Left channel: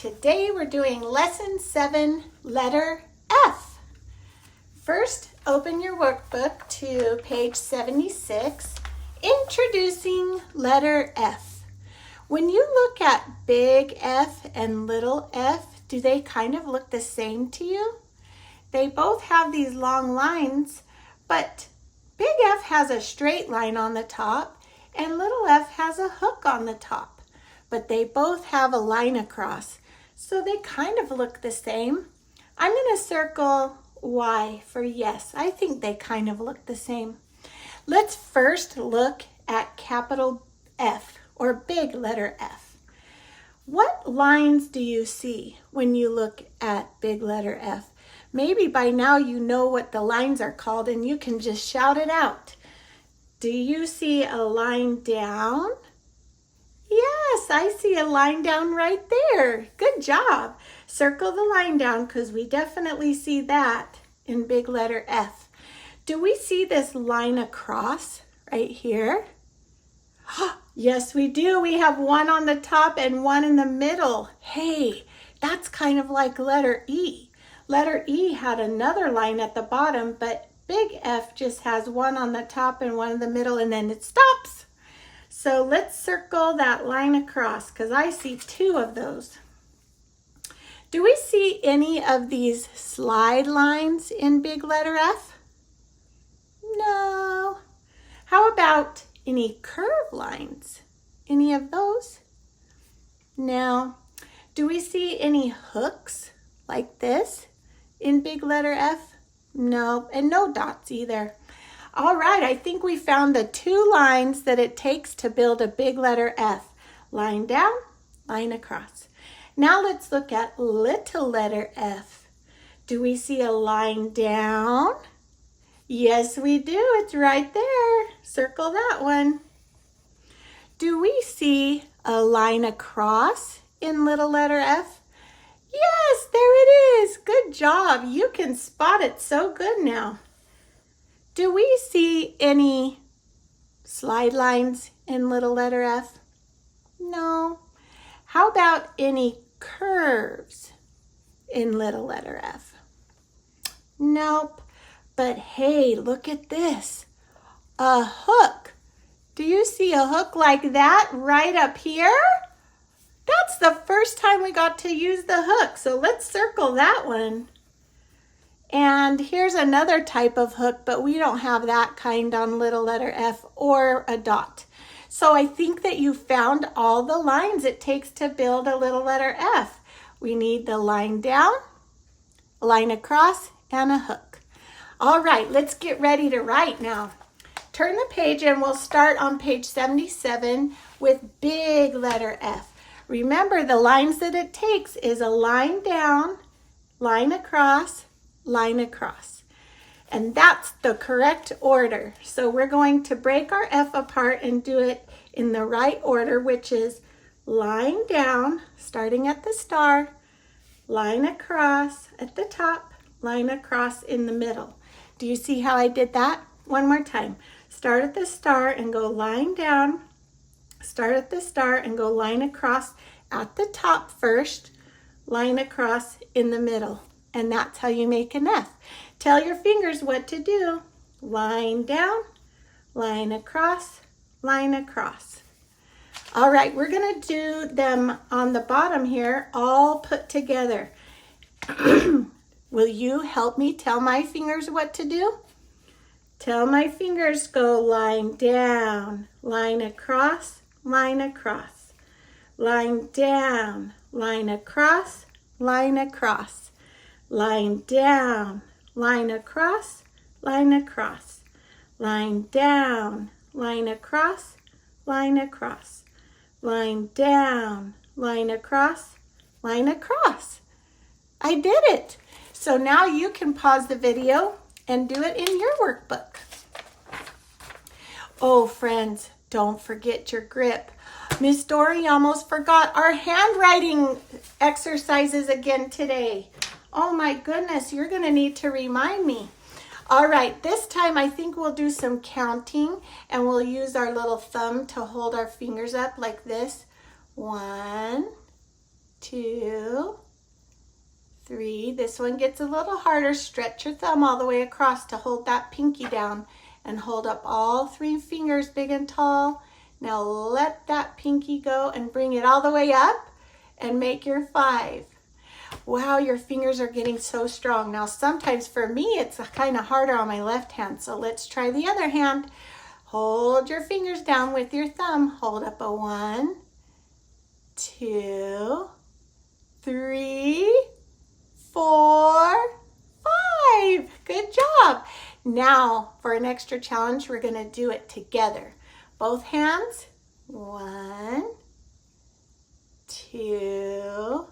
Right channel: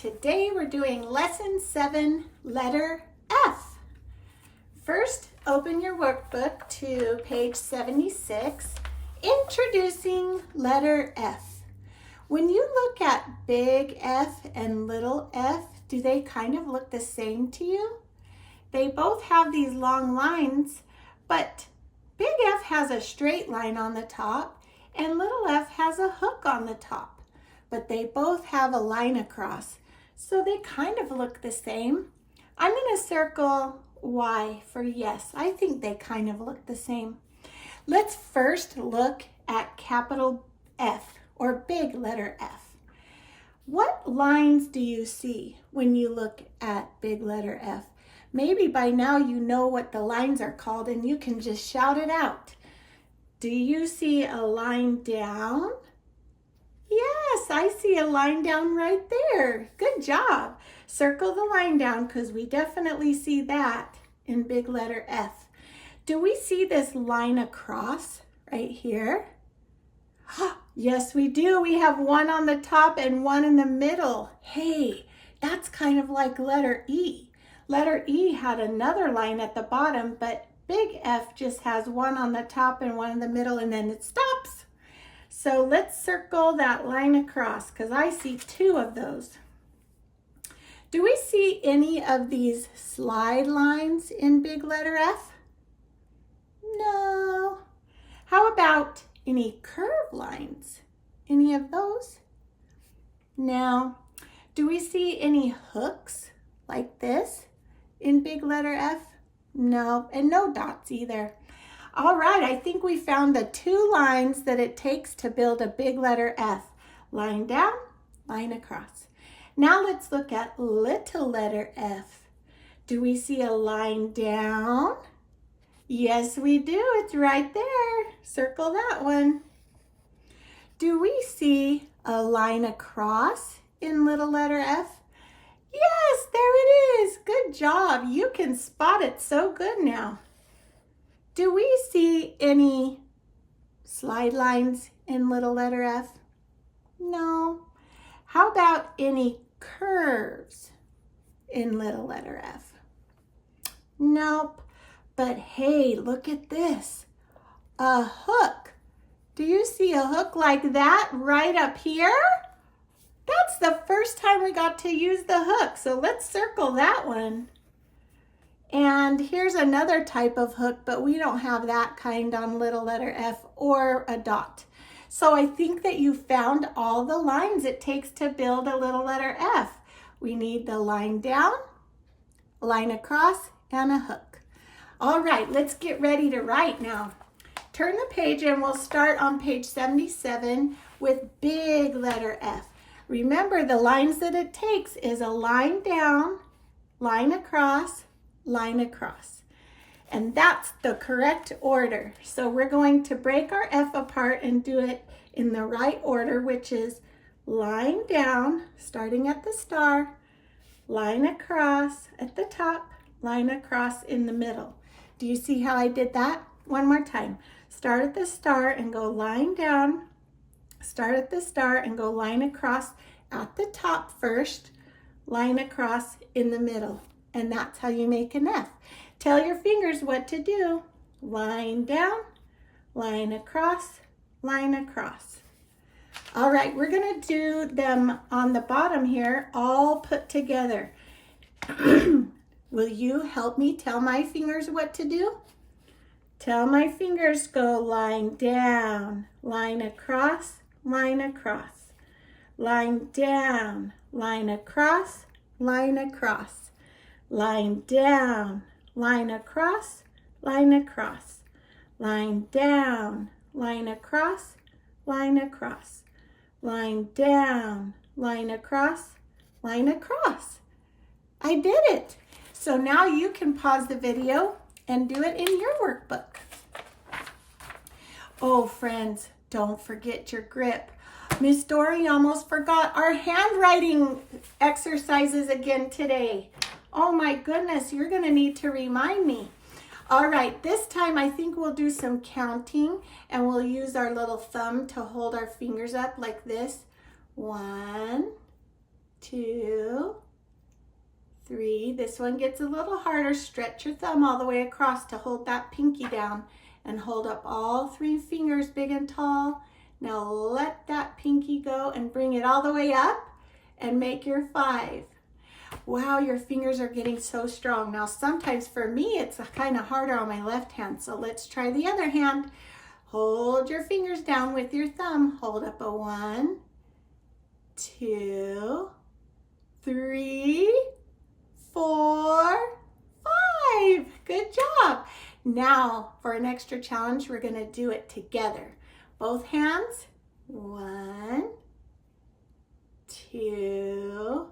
Today we're doing lesson 7, letter F. First, open your workbook to page 76, introducing letter F. When you look at big F and little f, do they kind of look the same to you? They both have these long lines, but big F has a straight line on the top and little f has a hook on the top, but they both have a line across. So they kind of look the same. I'm going to circle Y for yes. I think they kind of look the same. Let's first look at capital F, or big letter F. What lines do you see when you look at big letter F? Maybe by now you know what the lines are called and you can just shout it out. Do you see a line down? Yes, I see a line down right there. Good job. Circle the line down because we definitely see that in big letter F. Do we see this line across right here? Yes, we do. We have one on the top and one in the middle. Hey, that's kind of like letter E. Letter E had another line at the bottom, but big F just has one on the top and one in the middle, and then it stops. So let's circle that line across because I see two of those. Do we see any of these slide lines in big letter F? No. How about any curve lines? Any of those? No. Do we see any hooks like this in big letter F? No, and no dots either. All right, I think we found the two lines that it takes to build a big letter F. Line down, line across. Now let's look at little letter F. Do we see a line down? Yes, we do. It's right there. Circle that one. Do we see a line across in little letter F? Yes, there it is. Good job. You can spot it so good now. Do we see any slide lines in little letter F? No. How about any curves in little letter F? Nope. But hey, look at this. A hook. Do you see a hook like that right up here? That's the first time we got to use the hook, so let's circle that one. And here's another type of hook, but we don't have that kind on little letter F or a dot. So I think that you found all the lines it takes to build a little letter F. We need the line down, a line across, and a hook. All right, let's get ready to write now. Turn the page and we'll start on page 77 with big letter F. Remember, the lines that it takes is a line down, line across, line across. And that's the correct order. So we're going to break our F apart and do it in the right order, which is line down, starting at the star, line across at the top, line across in the middle. Do you see how I did that? One more time. Start at the star and go line down, start at the star and go line across at the top first, line across in the middle. And that's how you make an F. Tell your fingers what to do. Line down, line across, line across. All right, we're gonna do them on the bottom here, all put together. Will you help me tell my fingers what to do? Tell my fingers go line down, line across, line across. Line down, line across, line across. Line down, line across, line across. Line down, line across, line across. Line down, line across, line across. I did it. So now you can pause the video and do it in your workbook. Oh, friends, don't forget your grip. Miss Doree almost forgot our handwriting exercises again today. Oh my goodness, you're gonna need to remind me. All right, this time I think we'll do some counting and we'll use our little thumb to hold our fingers up like this. 1, 2, 3. This one gets a little harder. Stretch your thumb all the way across to hold that pinky down and hold up all 3 fingers big and tall. Now let that pinky go and bring it all the way up and make your 5. Wow, your fingers are getting so strong. Now sometimes for me it's kind of harder on my left hand, so let's try the other hand. Hold your fingers down with your thumb. Hold up a 1, 2, 3, 4, 5. Good job. Now for an extra challenge, we're going to do it together. Both hands. 1, 2,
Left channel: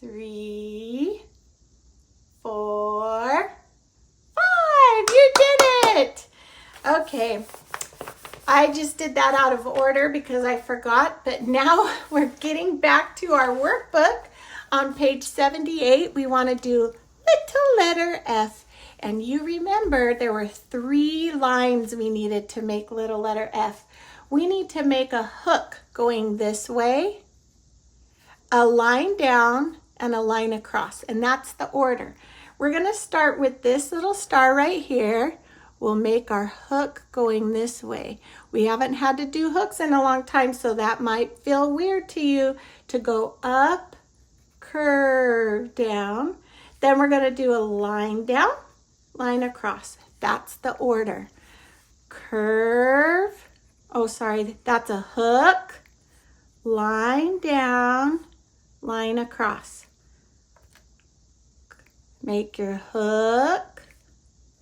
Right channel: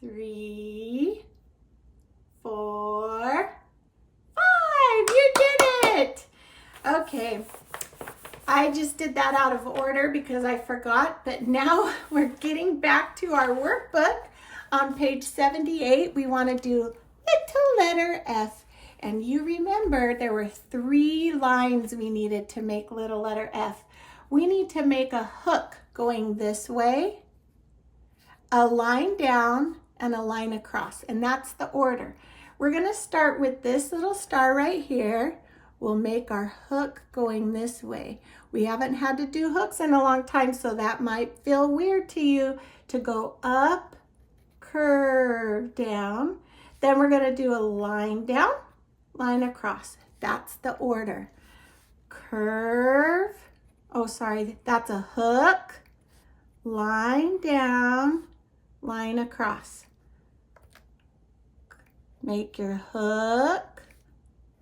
3, 4, 5. You did it. Okay. I just did that out of order because I forgot, but now we're getting back to our workbook. On page 78, we want to do little letter F. And you remember there were 3 lines we needed to make little letter F. We need to make a hook going this way, a line down, and a line across. And that's the order. We're going to start with this little star right here. We'll make our hook going this way. We haven't had to do hooks in a long time, so that might feel weird to you to go up, curve down. Then we're going to do a line down, line across. That's the order. Curve. Oh, sorry, that's a hook, line down, line across. Make your hook,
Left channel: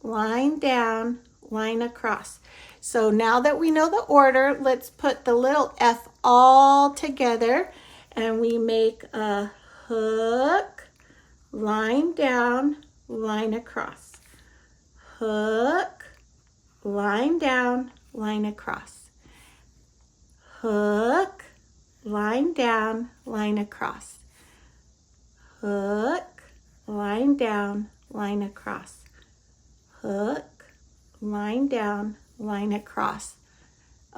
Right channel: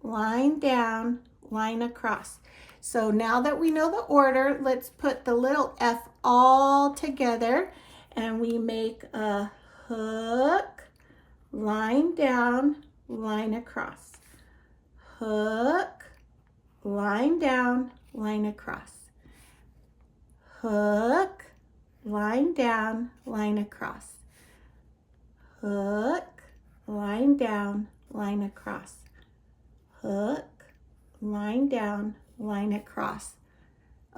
line down, line across. So now that we know the order, let's put the little F all together and we make a hook, line down, line across. Hook, line down, line across. Hook, line down, line across. Hook, line down, line across. Hook, line down, line across.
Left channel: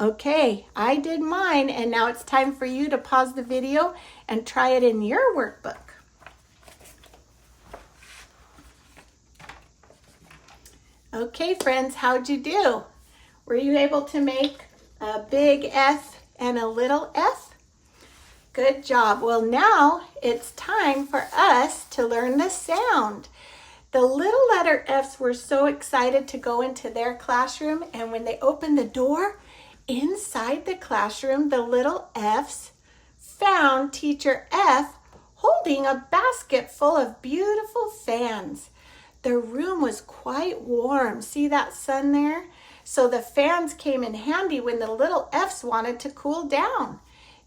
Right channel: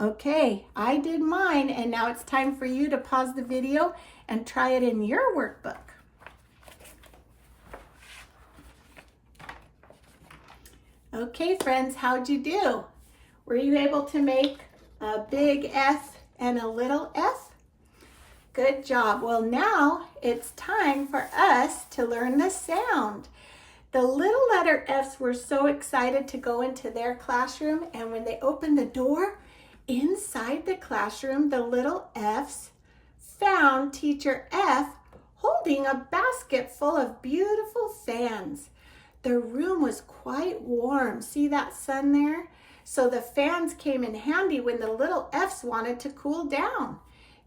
Okay, I did mine, and now it's time for you to pause the video and try it in your workbook. Okay, friends, how'd you do? Were you able to make a big F and a little f? Good job. Well, now it's time for us to learn the sound. The little letter F's were so excited to go into their classroom, and when they opened the door, inside the classroom, the little F's found Teacher F holding a basket full of beautiful fans. The room was quite warm. See that sun there? So the fans came in handy when the little F's wanted to cool down.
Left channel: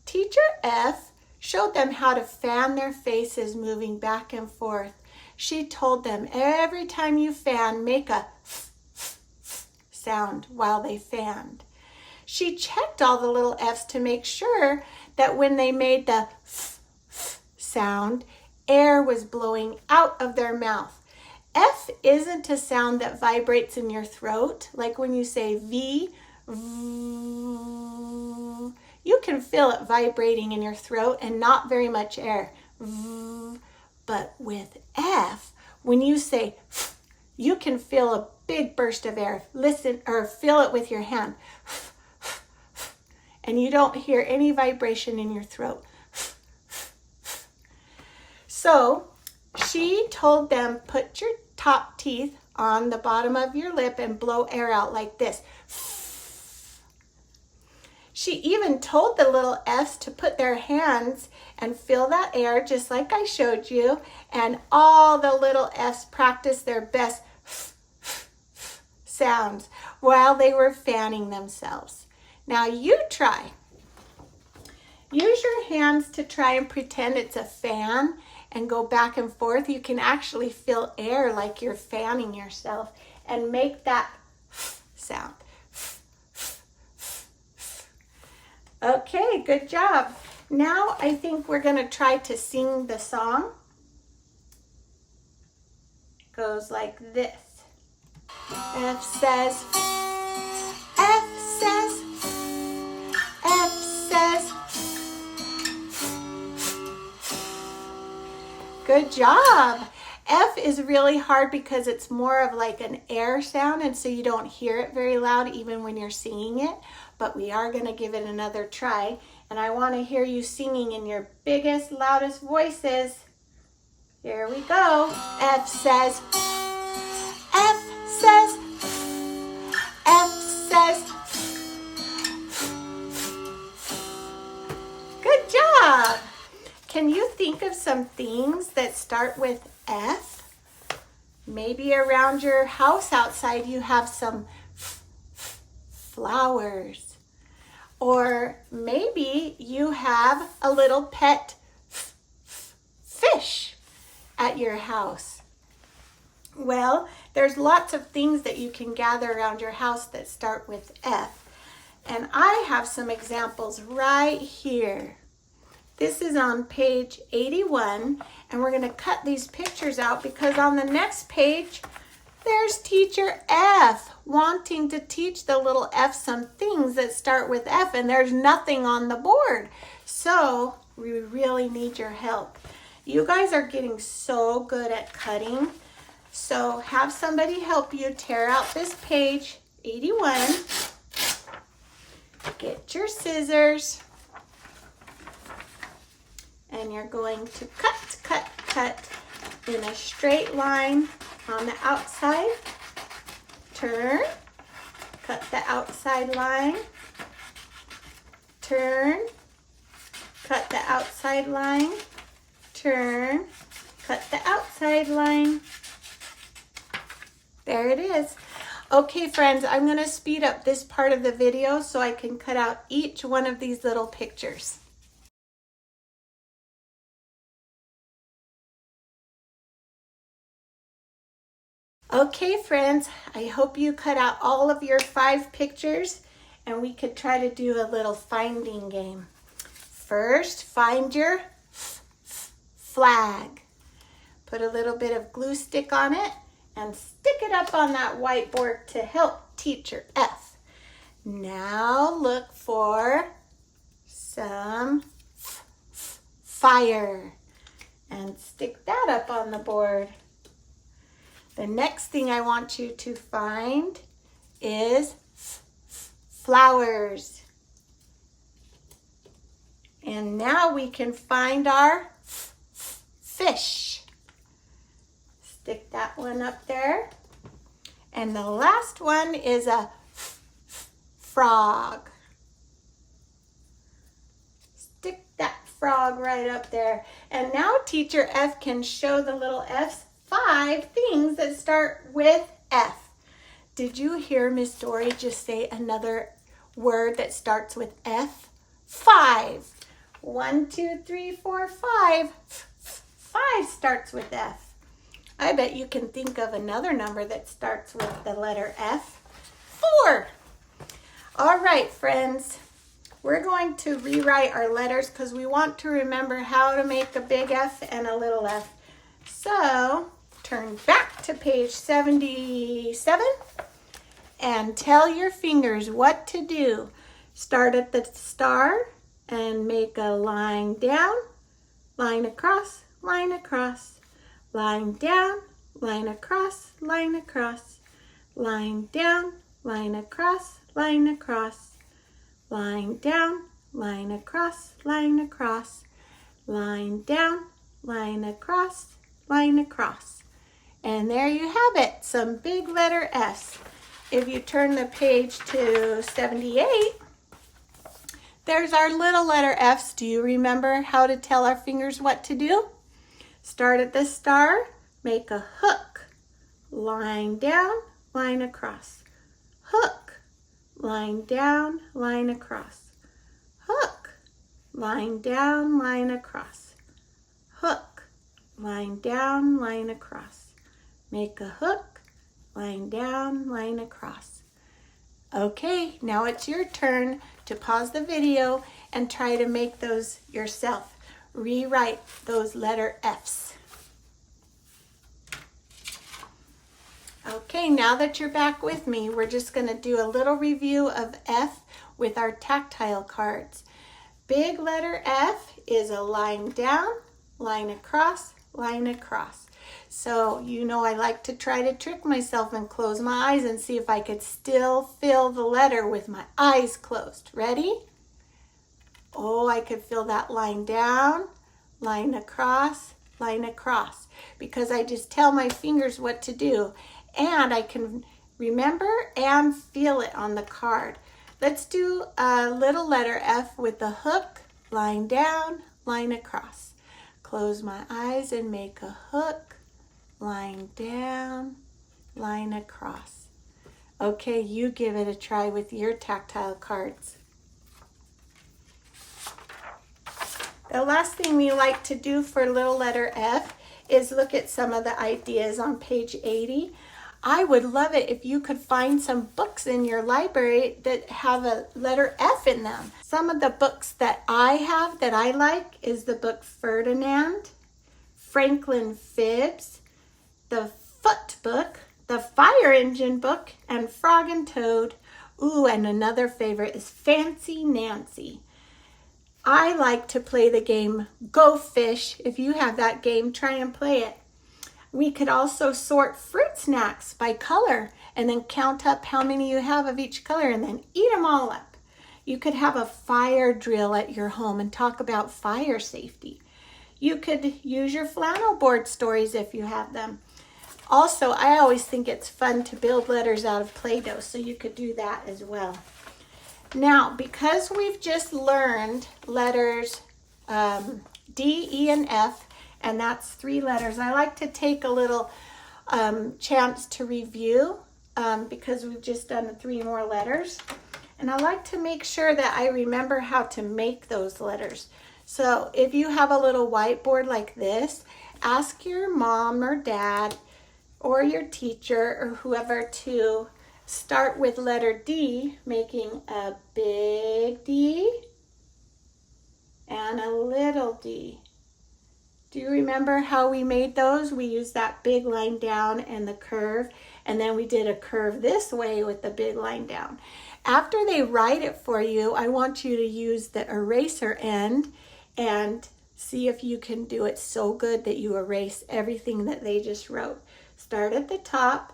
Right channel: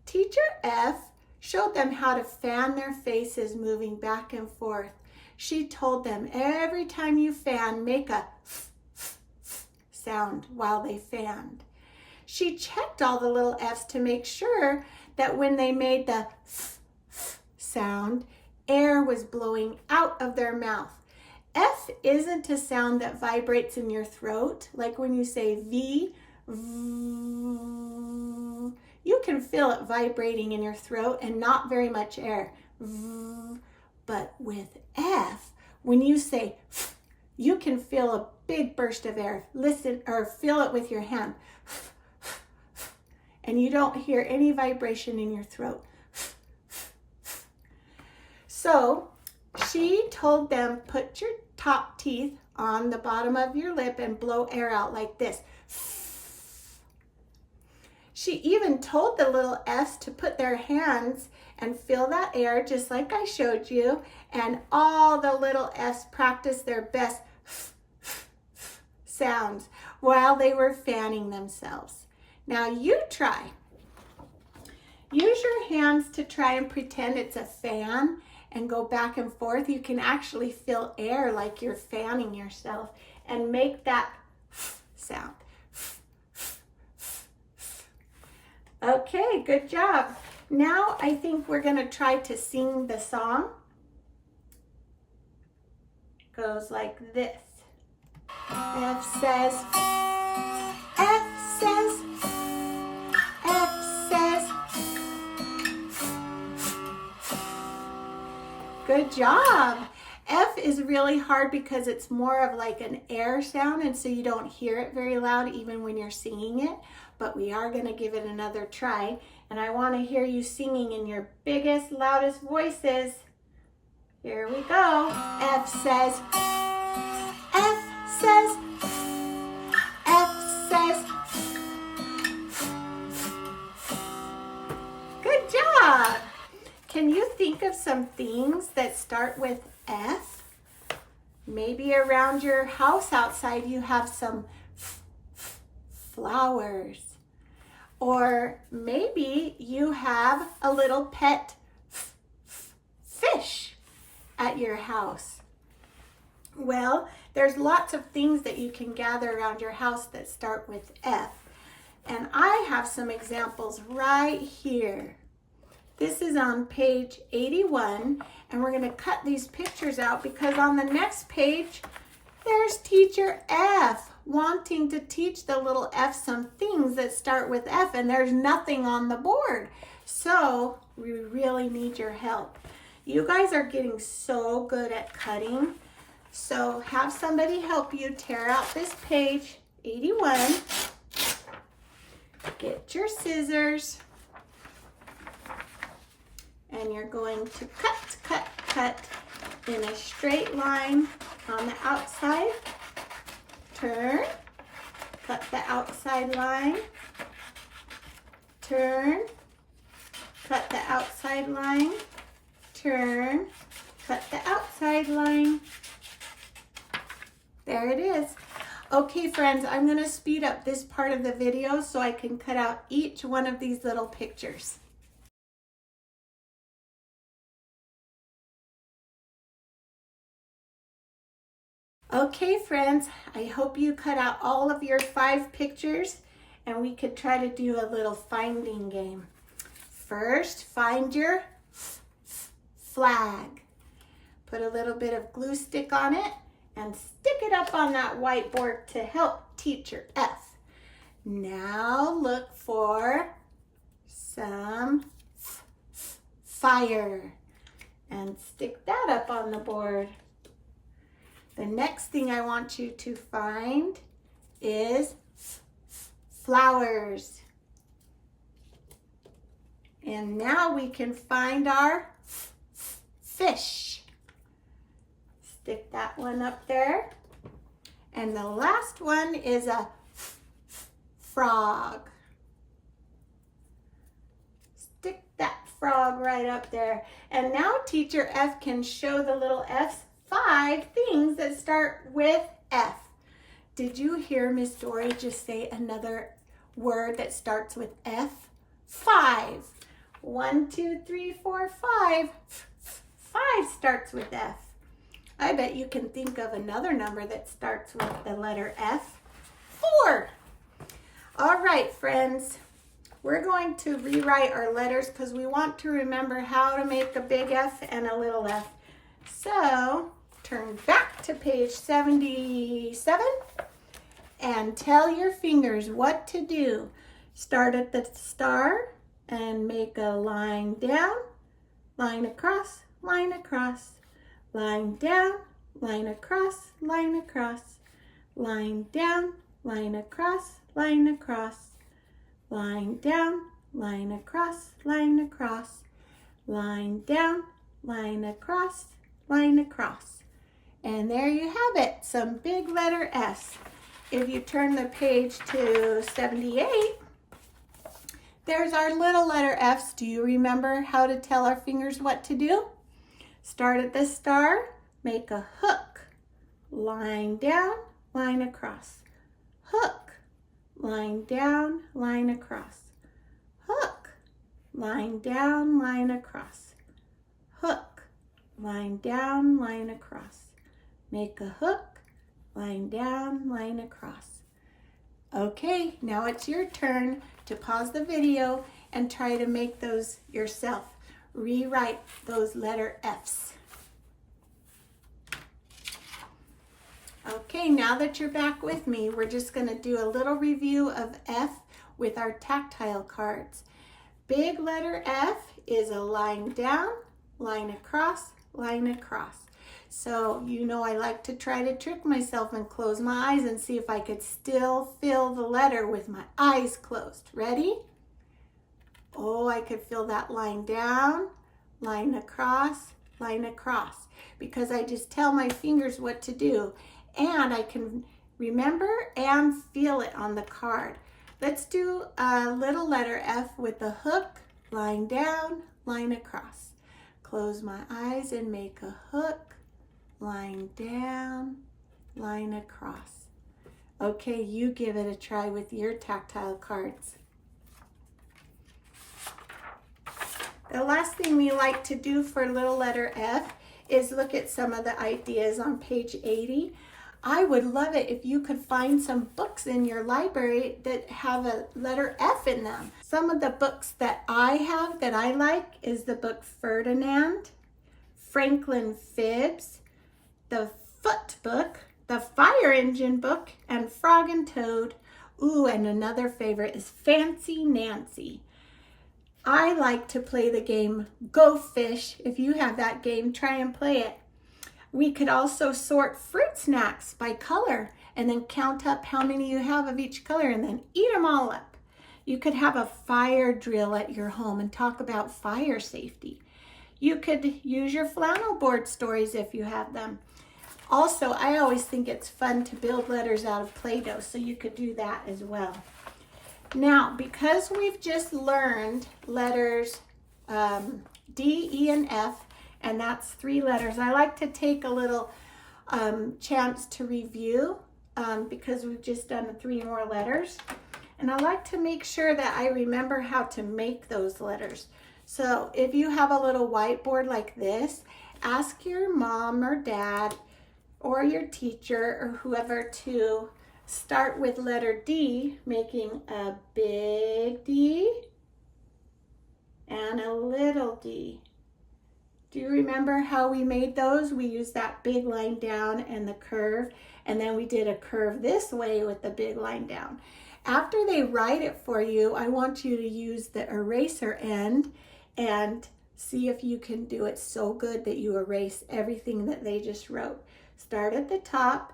Teacher F showed them how to fan their faces moving back and forth. She told them every time you fan, make a sound while they fanned. She checked all the little F's to make sure that when they made the sound, air was blowing out of their mouth. F isn't a sound that vibrates in your throat, like when you say V. You can feel it vibrating in your throat and not very much air. But with F, when you say you can feel a big burst of air. Listen, or feel it with your hand. And you don't hear any vibration in your throat. So she told them, put your top teeth on the bottom of your lip and blow air out like this. She even told the little F's to put their hands and feel that air just like I showed you. And all the little F's practiced their best sounds while they were fanning themselves. Now you try. Use your hands to try and pretend it's a fan and go back and forth. You can actually feel air like you're fanning yourself and make that sound. Okay, good job. Now I think we're going to try to sing the song. It goes like this. F says, F says, F says. Good job. F is really hard because it's more of like an air sound, and so you don't hear it very loud even when you're singing it, but we are going to give it another try, and I want to hear you singing in your biggest, loudest voices. Here we go. F says, F says, F says. Good job. Can you think of some things that start with F? Maybe around your house outside you have some flowers. Or maybe you have a little pet fish at your house. Well, there's lots of things that you can gather around your house that start with F. And I have some examples right here. This is on page 81, and we're going to cut these pictures out because on the next page, there's Teacher F wanting to teach the little F some things that start with F, and there's nothing on the board. So we really need your help. You guys are getting so good at cutting. So have somebody help you tear out this page 81. Get your scissors. And you're going to cut in a straight line on the outside. Turn, cut the outside line. Turn, cut the outside line. Turn, cut the outside line. There it is. Okay, friends, I'm going to speed up this part of the video so I can cut out each one of these little pictures. Okay, friends, I hope you cut out all of your 5 pictures and we could try to do a little finding game. First, find your flag. Put a little bit of glue stick on it and stick it up on that whiteboard to help Teacher F. Now look for some fire and stick that up on the board. The next thing I want you to find is flowers. And now we can find our fish. Stick that one up there. And the last one is a frog. Stick that frog right up there. And now Teacher F can show the little F's 5 things that start with F. Did you hear Miss Doree just say another word that starts with F? 5. 1, 2, 3, 4, 5. 5 starts with F. I bet you can think of another number that starts with the letter F. 4. All right, friends. We're going to rewrite our letters because we want to remember how to make a big F and a little f. So turn back to page 77 and tell your fingers what to do. Start at the star and make a line down, line across, line across, line down, line across, line across, line down, line across, line across, line down, line across, line across, line down, line across, line across. And there you have it, some big letter S. If you turn the page to 78, there's our little letter F's. Do you remember how to tell our fingers what to do? Start at the star, make a hook, line down, line across, hook, line down, line across, hook, line down, line across, hook, line down, line across. Make a hook, line down, line across. Okay, now it's your turn to pause the video and try to make those yourself. Rewrite those letter F's. Okay, now that you're back with me, we're just going to do a little review of F with our tactile cards. Big letter F is a line down, line across, line across. So, you know, I like to try to trick myself and close my eyes and see if I could still feel the letter with my eyes closed. Ready? Oh, I could feel that line down, line across, because I just tell my fingers what to do, and I can remember and feel it on the card. Let's do a little letter F with the hook, line down, line across. Close my eyes and make a hook, line down, line across. Okay, you give it a try with your tactile cards. The last thing we like to do for little letter F is look at some of the ideas on page 80. I would love it if you could find some books in your library that have a letter F in them. Some of the books that I have that I like is the book Ferdinand, Franklin Fibs, the Foot Book, the Fire Engine Book, and Frog and Toad. Ooh, and another favorite is Fancy Nancy. I like to play the game Go Fish. If you have that game, try and play it. We could also sort fruit snacks by color and then count up how many you have of each color and then eat them all up. You could have a fire drill at your home and talk about fire safety. You could use your flannel board stories if you have them. Also, I always think it's fun to build letters out of Play-Doh, so you could do that as well. Now, because we've just learned letters D, E, and F, and that's 3 letters, I like to take a little chance to review because we've just done 3 more letters. And I like to make sure that I remember how to make those letters. So if you have a little whiteboard like this, ask your mom or dad or your teacher or whoever to start with letter D, making a big D and a little d. Do you remember how we made those? We used that big line down and the curve, and then we did a curve this way with the big line down. After they write it for you, I want you to use the eraser end and see if you can do it so good that you erase everything that they just wrote. Start at the top,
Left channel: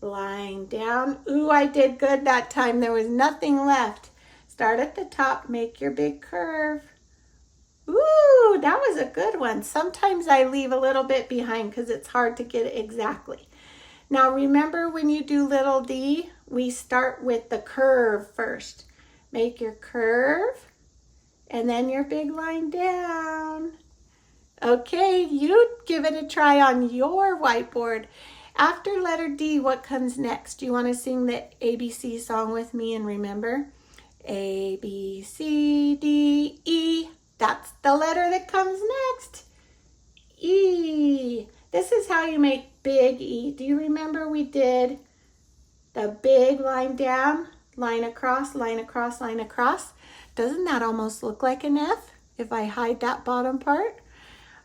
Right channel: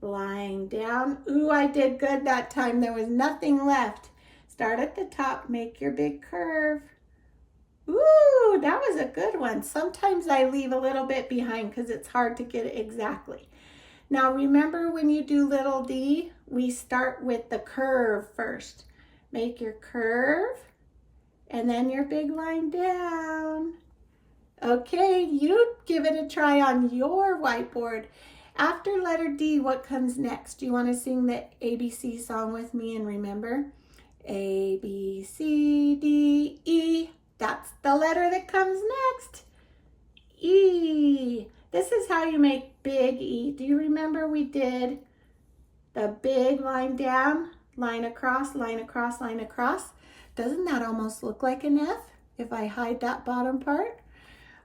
line down. Ooh, I did good that time. There was nothing left. Start at the top, make your big curve. Ooh, that was a good one. Sometimes I leave a little bit behind because it's hard to get it exactly. Now remember, when you do little d, we start with the curve first. Make your curve and then your big line down. Okay, you give it a try on your whiteboard. After letter D, what comes next? Do you want to sing the ABC song with me and remember? A, B, C, D, E. That's the letter that comes next. E. This is how you make big E. Do you remember we did the big line down, line across, line across, line across? Doesn't that almost look like an F if I hide that bottom part?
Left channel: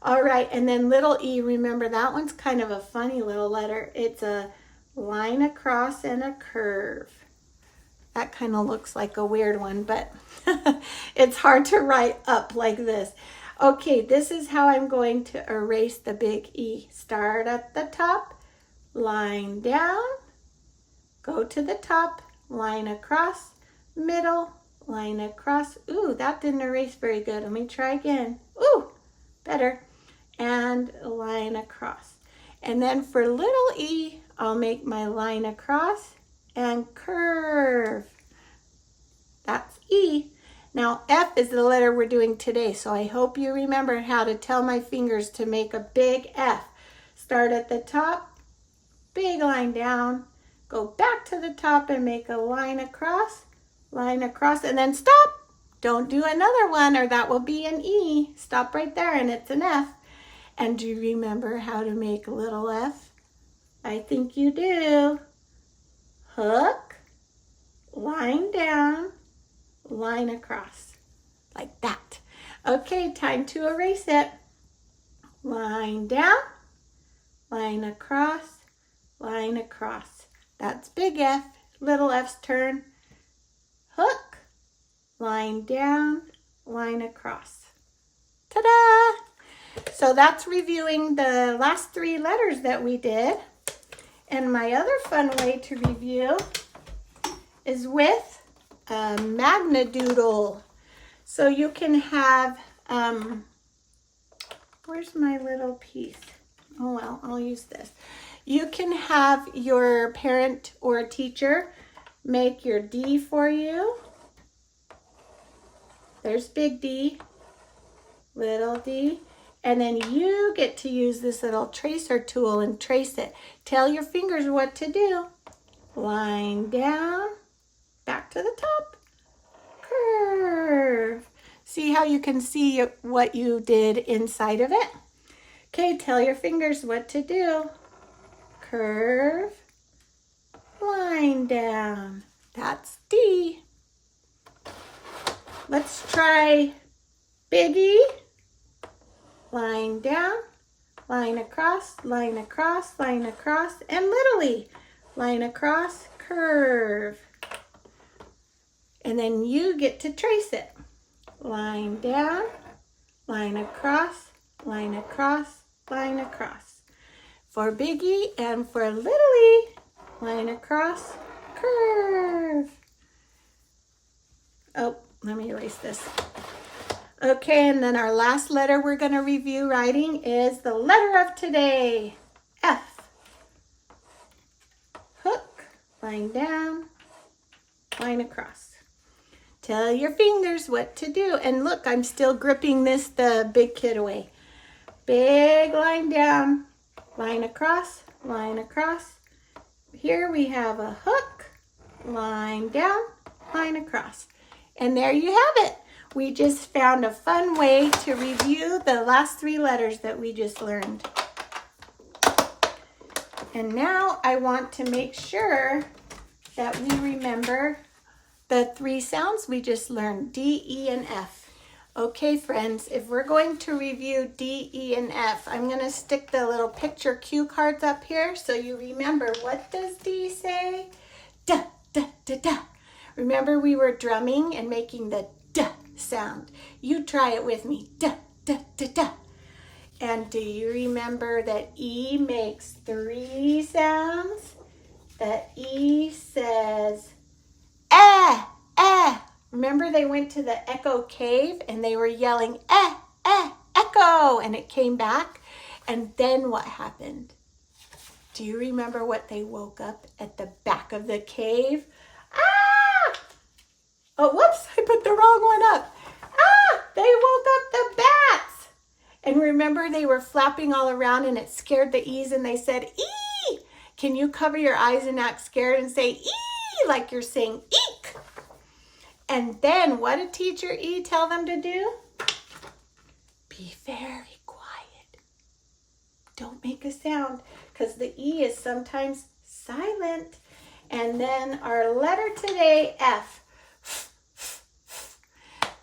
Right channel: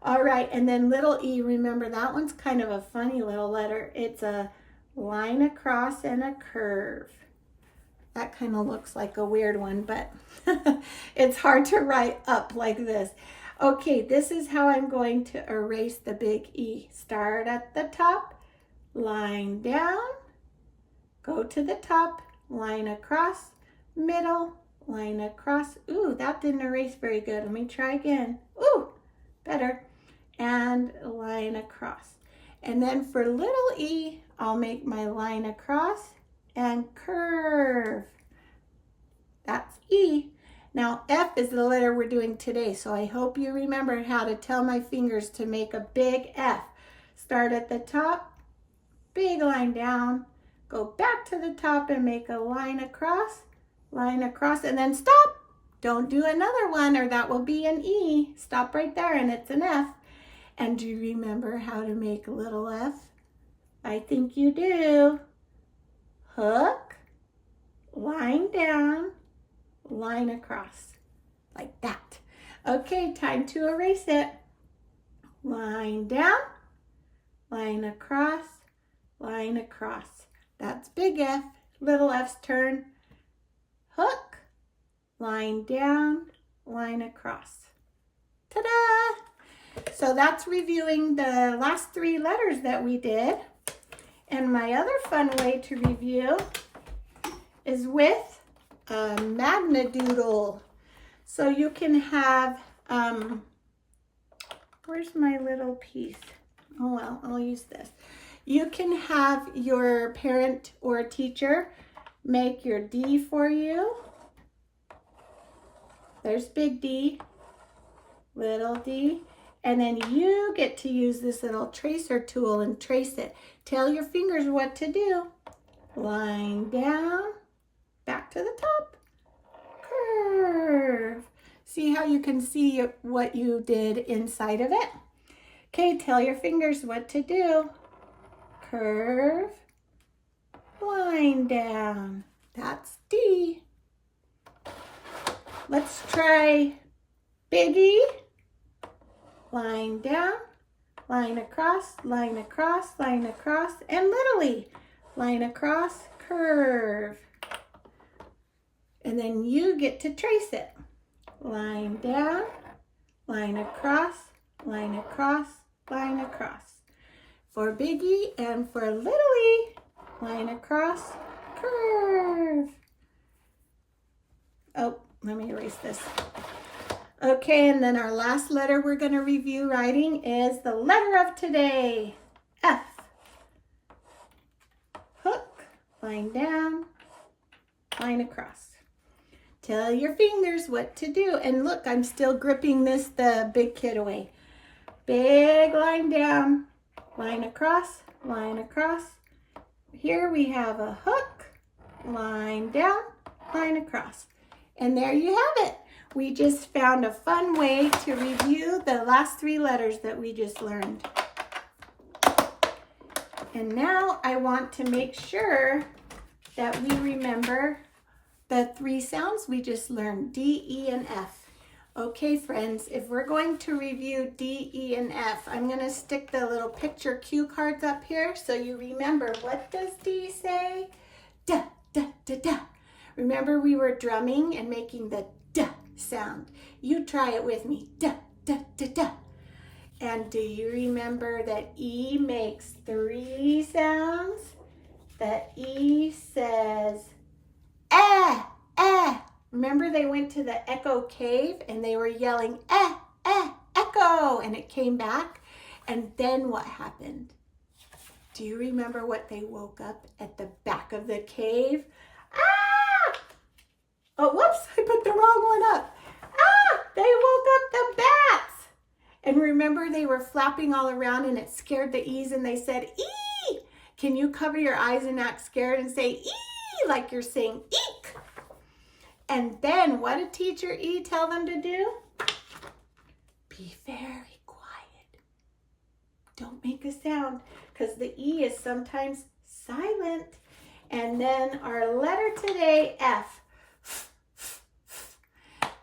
All right, and then little e, remember that one's kind of a funny little letter. It's a line across and a curve. That kind of looks like a weird one, but it's hard to write up like this. Okay, this is how I'm going to erase the big E. Start at the top, line down, go to the top, line across, middle, line across. Ooh, that didn't erase very good. Let me try again. Ooh, better. And line across. And then for little e, I'll make my line across and curve. That's E. Now F is the letter we're doing today, so I hope you remember how to tell my fingers to make a big F. Start at the top, big line down, go back to the top and make a line across, and then stop. Don't do another one or that will be an E. Stop right there and it's an F. And do you remember how to make a little F? I think you do. Hook, line down, line across, like that. Okay, time to erase it. Line down, line across, line across. That's big F. Little F's turn. Hook, line down, line across. Ta-da! So that's reviewing the last 3 letters that we did. And my other fun way to review is with a Magnadoodle. So you can have, where's my little piece? Oh well, I'll use this. You can have your parent or teacher make your D for you. There's big D, little d, and then you get to use this little tracer tool and trace it. Tell your fingers what to do. Line down, back to the top, curve. See how you can see what you did inside of it? Okay, tell your fingers what to do. Curve, line down. That's D. Let's try biggie. Line down, line across, line across, line across, and littly. Line across, curve. And then you get to trace it. Line down, line across, line across, line across. For biggie and for littly, line across, curve. Oh, let me erase this. Okay, and then our last letter we're going to review writing is the letter of today, F. Hook, line down, line across. Tell your fingers what to do. And look, I'm still gripping the big kid away. Big line down, line across, line across. Here we have a hook, line down, line across. And there you have it. We just found a fun way to review the last 3 letters that we just learned. And now I want to make sure that we remember the 3 sounds we just learned, D, E, and F. Okay, friends, if we're going to review D, E, and F, I'm going to stick the little picture cue cards up here so you remember. What does D say? Da, da, da, da. Remember we were drumming and making the da sound. You try it with me. Da, da, da, da. And do you remember that E makes 3 sounds? That E says, eh, eh. Remember they went to the echo cave and they were yelling, eh, eh, echo. And it came back. And then what happened? Do you remember what they woke up at the back of the cave? Ah! Oh, whoops, I put the wrong one up. Ah, they woke up the bats. And remember they were flapping all around and it scared the E's and they said, ee. Can you cover your eyes and act scared and say, ee, like you're saying, eek? And then what did Teacher E tell them to do? Be very quiet. Don't make a sound because the E is sometimes silent. And then our letter today, F.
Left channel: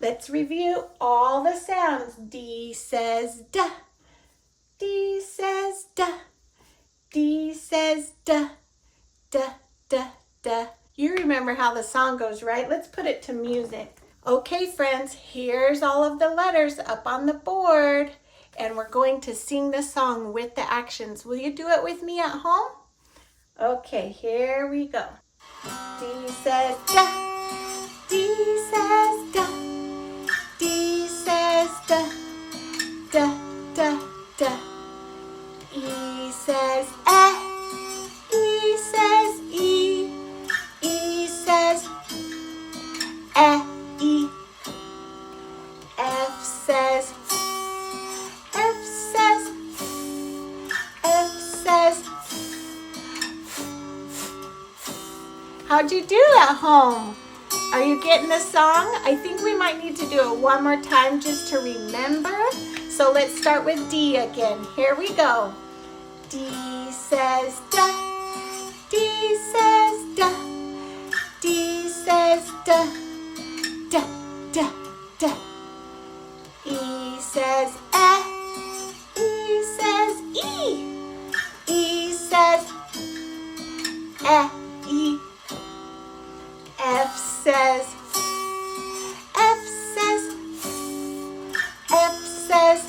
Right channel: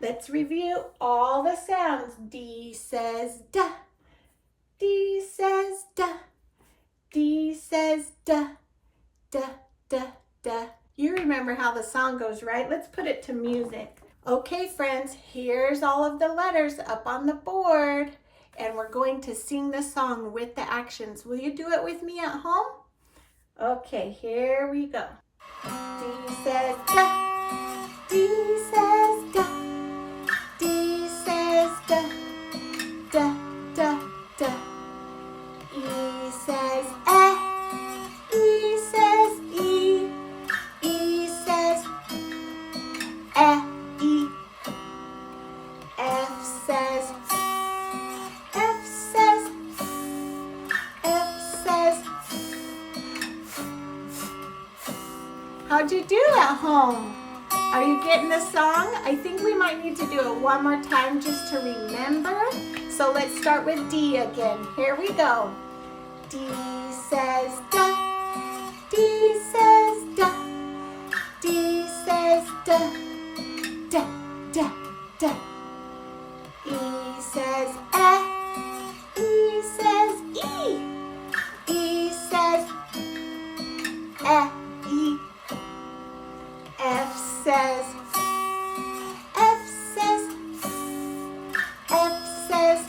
Let's review all the sounds. D says da. D says da. D says da. Da, da, da. You remember how the song goes, right? Let's put it to music. Okay, friends, here's all of the letters up on the board. And we're going to sing the song with the actions. Will you do it with me at home? Okay, here we go. D says da. D says da. D says da. Da, da, da. E says eh. E says e. E says eh, e. F says F says F says. How'd you do at home? Are you getting the song? I think we might need to do it one more time just to remember. So let's start with D again. Here we go. D says da. D says da. D says da. Da, da, da. E says eh. E says e. E says eh, e. F says F says F says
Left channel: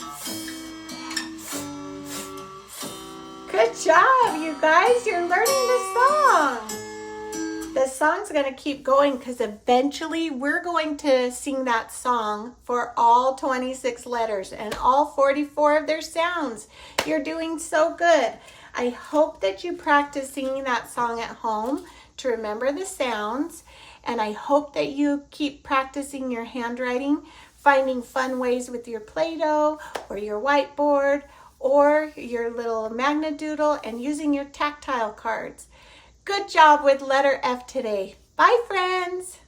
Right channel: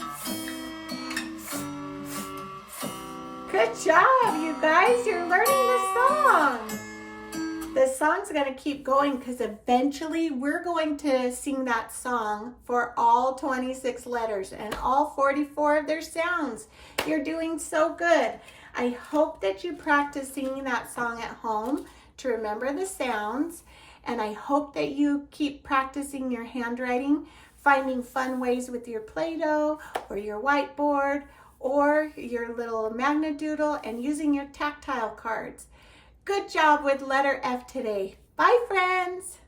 job, you guys. You're learning the song. The song's going to keep going because eventually we're going to sing that song for all 26 letters and all 44 of their sounds. You're doing so good. I hope that you practice singing that song at home to remember the sounds. And I hope that you keep practicing your handwriting, finding fun ways with your Play-Doh or your whiteboard or your little magnet doodle and using your tactile cards. Good job with letter F today. Bye, friends.